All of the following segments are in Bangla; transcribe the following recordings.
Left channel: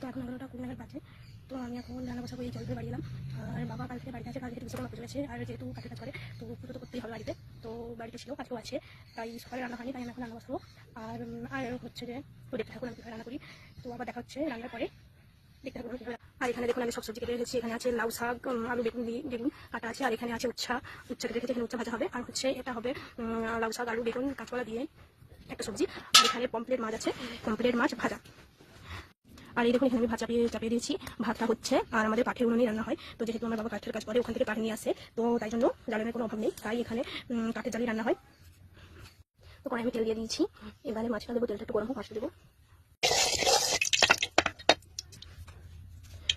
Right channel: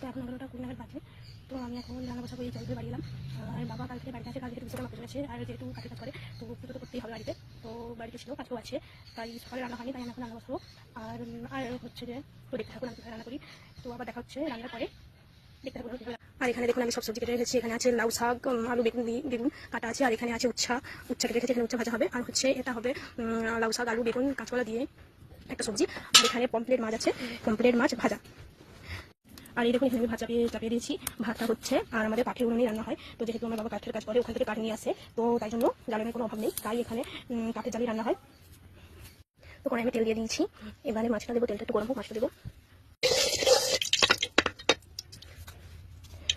তো এখন 11টা 20 নাগাদ বাজে। তো আমি এখন রান্না বসাবো, এই জল ধরে বাড়ি এলাম। আর বাবা কাল থেকে বাড়িতে আছে, কাল থেকে বিশ্বকর্মা পুজো আছে, আর যেহেতু কাঠের কাজ করে তো পুজো তো করতেই হবে বাড়িতে। তো বাড়িতে ছিল, কাজও আছে, তাই সকালে রান্না হয়নি, তাই আমি এখন রান্না বসাবো। আর হচ্ছে যে তো দেখতে থাকুন আমি কীভাবে রান্না করি। তো আবার দেখা হচ্ছে রান্নার পরে, দেখতে থাকুন। আর এখানে দেখুন আমি সব সবজি কেটে রেখেছি। এখানে আছে লাউ শাক, আলু বেগুন কাটা আছে, আর এখানে আছে উচ্ছা কেটে রেখেছি, এখানে উচ্ছা ভাজা হবে। আর হচ্ছে এটা হবে লাউ শাক আলু বেগুন কাঁচকলা দিয়ে একটা সবজি। আর এখানে পমপ্লেট মাছ আছে, পমপ্লেট মাছ ভাজা। আর এই দেখুন এখানে আমি ভাত চাপিয়ে দিয়েছি, ভাতটা হচ্ছে। আর আমাদের কাঠের উনুনেই রান্না হয়, তো যেহেতু আমার বাবা কাঠের কাজ করে, ওখান থেকে কাঠ নিয়ে আসে, তো তাই জন্য জ্বালানির কোনো অভাব নেই, তাই এখানে কাঠের জ্বালিয়ে রান্না হয়। তো কড়াই আমি তেল দিয়ে দিয়েছি, এবারে মাছটা দেবো, তেলটা একটু গরম হোক, মাছটা দেবো।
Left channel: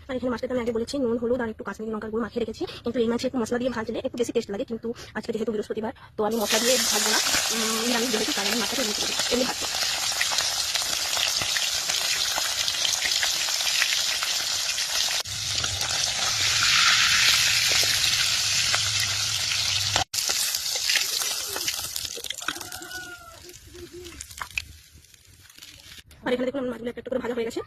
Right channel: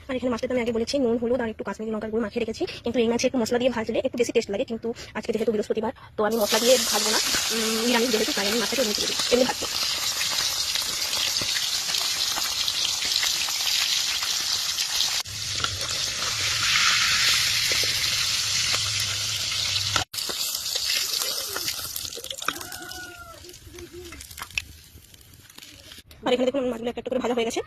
আর এখানে মাছটা আমি আগে বলেছি নুন হলুদ আর একটু কাশ্মীরি লঙ্কার গুঁড়ো মাখিয়ে রেখেছি, কিন্তু এই মাছে একটু মশলা দিয়ে ভাজলে একটু বেশি টেস্ট লাগে, কিন্তু আজকে যেহেতু বৃহস্পতিবার তো আমি মশলা দিয়ে ভাজবো না, নিরামিষ যেহেতু তাই আমি মাছটাকে এমনি ভাজবো। আর এখানে দেখুন মাছগুলো একটা করে ভাজা হয়ে গেছে।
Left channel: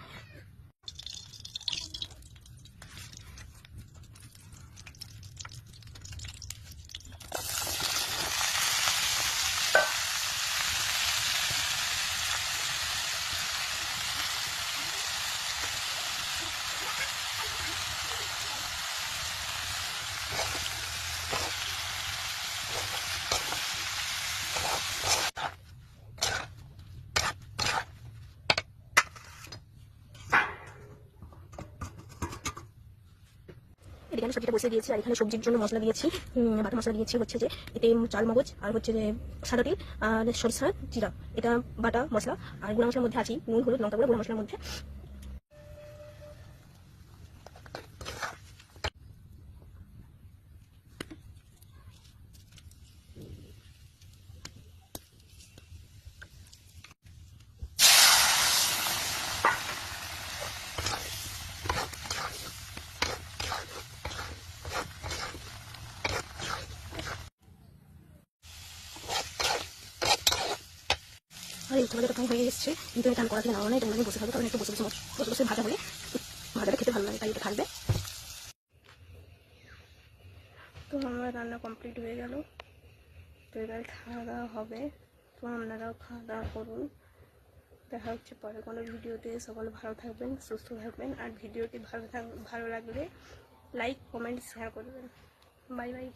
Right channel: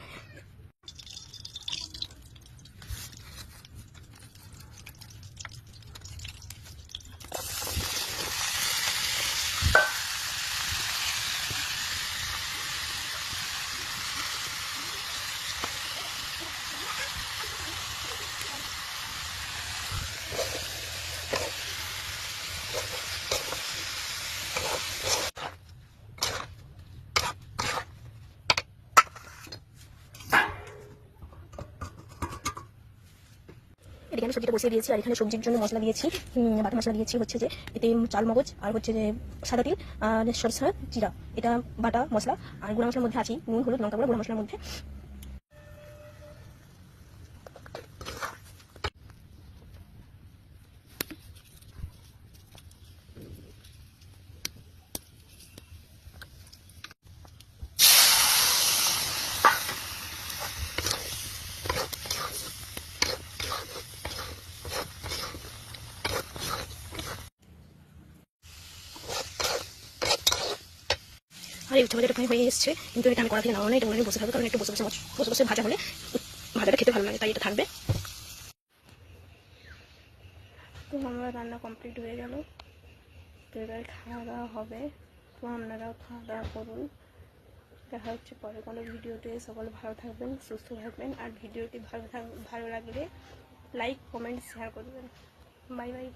এখানে সবজিটা বসিয়ে দিয়েছি, আর এখানে সবজির জন্য মশলা দিয়েছি, বাটা মশলা দিয়েছি হচ্ছে যে এতে চাল মগজ আর হচ্ছে যে সাদা তিল আর সরষা জিরা, এটা বাটা মশলা। আর গুঁড়া মশলার মধ্যে আছে নুন হলুদ লঙ্কা গুঁড়ো, গুঁড়া মশলার মধ্যে। আর এই উচ্চ ভাজাটা প্রায় হয়ে এসছে, কিন্তু এটা আমি কড়া থেকে নামানো না, এটা আমি বসে থাকবো, কারণ একটু বসে বসে ভাজা হলে ভাজাটা খেতে ভালো লাগে, তাই এটা থাকবে। তো আমার রান্না কমপ্লিট হয়ে গেল, তো এবার খাওয়া দাওয়া হবে। তো আপনারাও খাওয়া দাওয়া করুন, দেখা হচ্ছে পরে কোনো ভিডিওতে। সকলে ভালো থাকবেন, সুস্থ থাকবেন, আর ভিডিওটি ভালো লাগলে লাইক কমেন্ট শেয়ার করবেন। Bye bye.